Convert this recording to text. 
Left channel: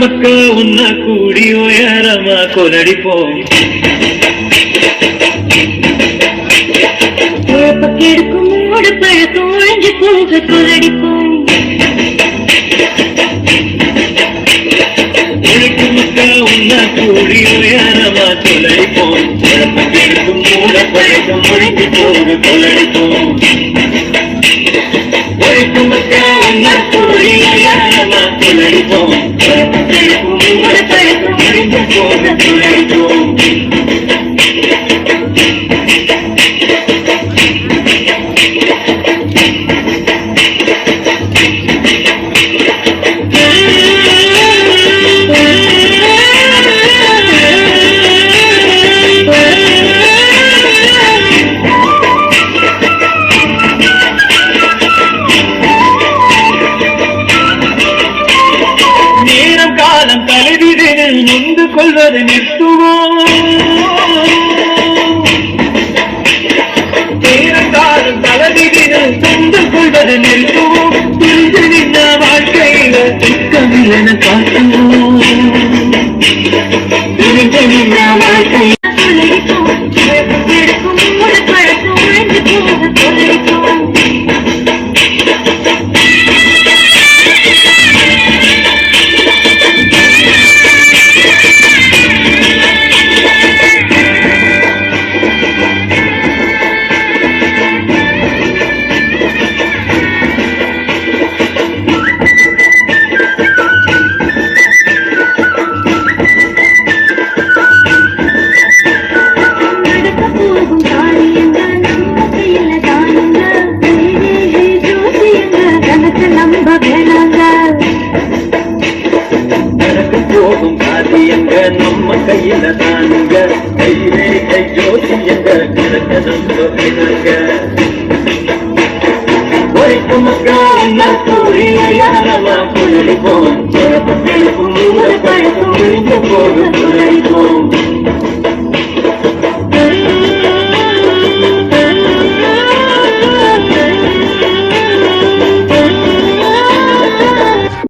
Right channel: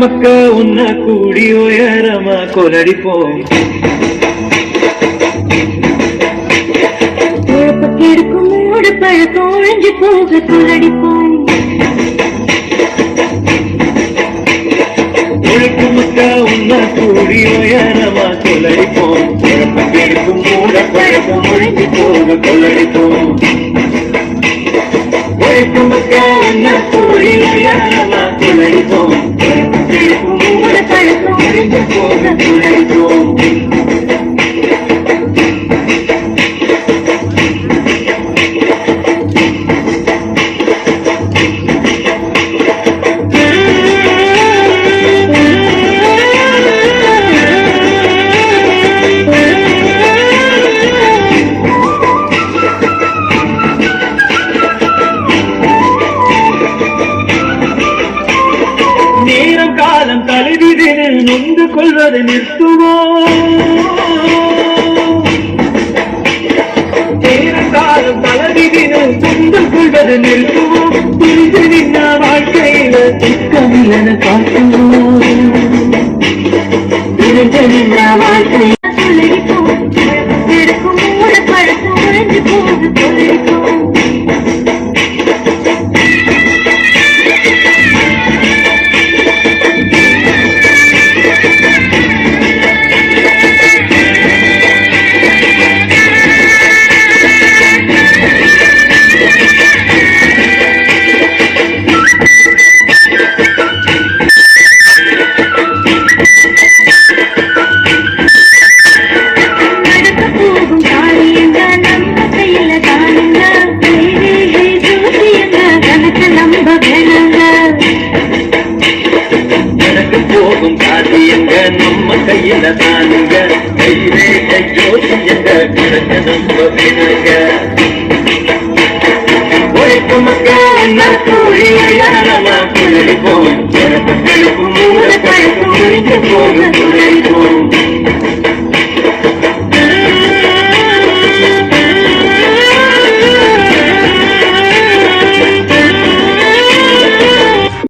மக்கா உன்ன கூடி உயரமா கொலடிப்போம். இருக்கும் மூடு பழக்கம் ஒழிஞ்சு போக கொலடிப்போம். உழைக்கும் மக்கா உன்ன கூடி உயரமா கொலடிப்போம். இருக்கும் மூட பழக்கம் ஒழிஞ்சு போக கொலடிப்போம். உழைக்கும் மக்கா உன்ன கூடி உயரமா கொலடிப்போம். மூட பழக்கம் ஒழிஞ்சு போக கொலடிப்போம். நேரம் காலம் தலைவிதில் நொந்து கொள்வதை நிறுத்துவோம். நேரம் காலம் தலைவிதில் நொந்து கொள்வதை நிறுத்துவோம். பிரிந்து நின்ற வாழ்க்கையில திக்கமில் என காட்டுவோம். பிரிந்து நின்ற வாழ்க்கையில் இருக்கும் மூடு பழக்கம் ஒழிஞ்சு போக கொலடிப்போம். போகும் காரியங்க நம்ம கையில தானுங்க. கையிலே கையோசியங்க கிடக்க நம்ம வேணுங்க. உழைக்கும் மக்கள் என்ன கூடிய கொலடிப்போம். மூட பழக்கம் ஒழிஞ்சு போக